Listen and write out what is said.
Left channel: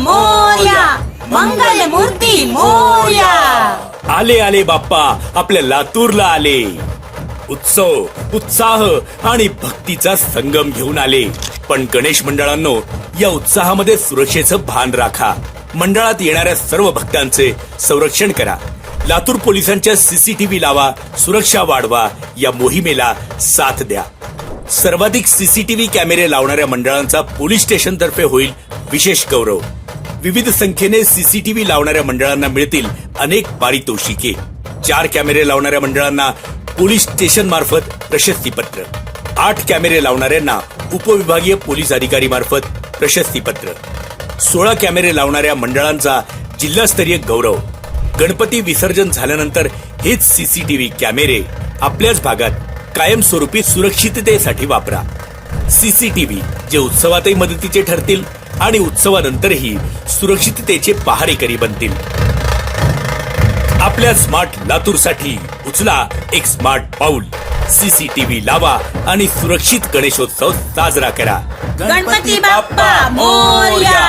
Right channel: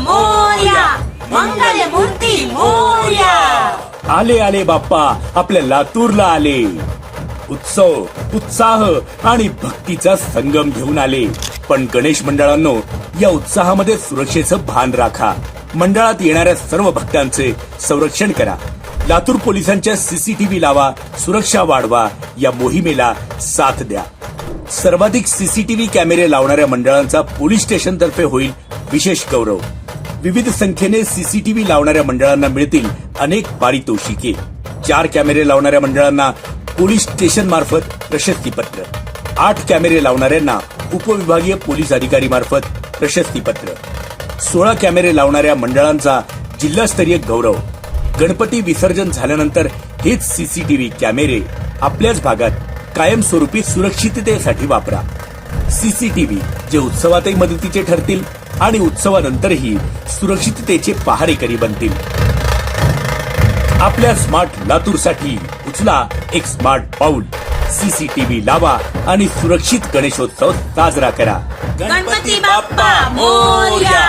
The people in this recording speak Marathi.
मोरया, मंगल मूर्ती मोरया. आले आले बाप्पा आपल्या लातूरला आले. उत्सव, उत्साह आणि भक्तीचा संगम घेऊन आले. पण गणेश मंडळांनो, या उत्साहामध्ये सुरक्षेचं भान राखा. मंडळात येणाऱ्या सर्व भक्तांचे संरक्षण करा. लातूर पोलिसांच्या सीसीटीव्ही लावा, सुरक्षा वाढवा. या मोहिमेला साथ द्या. सर्वाधिक सीसीटीव्ही कॅमेरे लावणाऱ्या मंडळांचा पोलीस स्टेशन तर्फे होईल विशेष गौरव. विविध संख्येने सीसीटीव्ही लावणाऱ्या मंडळांना मिळतील अनेक पारितोषिके. 4 कॅमेरे लावणाऱ्या मंडळांना पोलीस स्टेशन मार्फत प्रशस्तीपत्र, 8 कॅमेरे लावणाऱ्यांना उपविभागीय पोलीस अधिकारी मार्फत प्रशस्तीपत्र, 16 कॅमेरे लावणाऱ्या मंडळांचा जिल्हास्तरीय गौरव. गणपती विसर्जन झाल्यानंतर हेच सीसीटीव्ही कॅमेरे आपल्याच भागात कायमस्वरूपी सुरक्षिततेसाठी वापरा. सीसीटीव्ही जे उत्सवातही मदतीचे ठरतील आणि उत्सवानंतरही सुरक्षिततेचे पहारेकरी बनतील. आपल्या स्मार्ट लातूरसाठी उचला एक स्मार्ट पाऊल. सीसीटीव्ही लावा आणि सुरक्षित गणेशोत्सव साजरा करा. गणपती बाप्पा मोरया.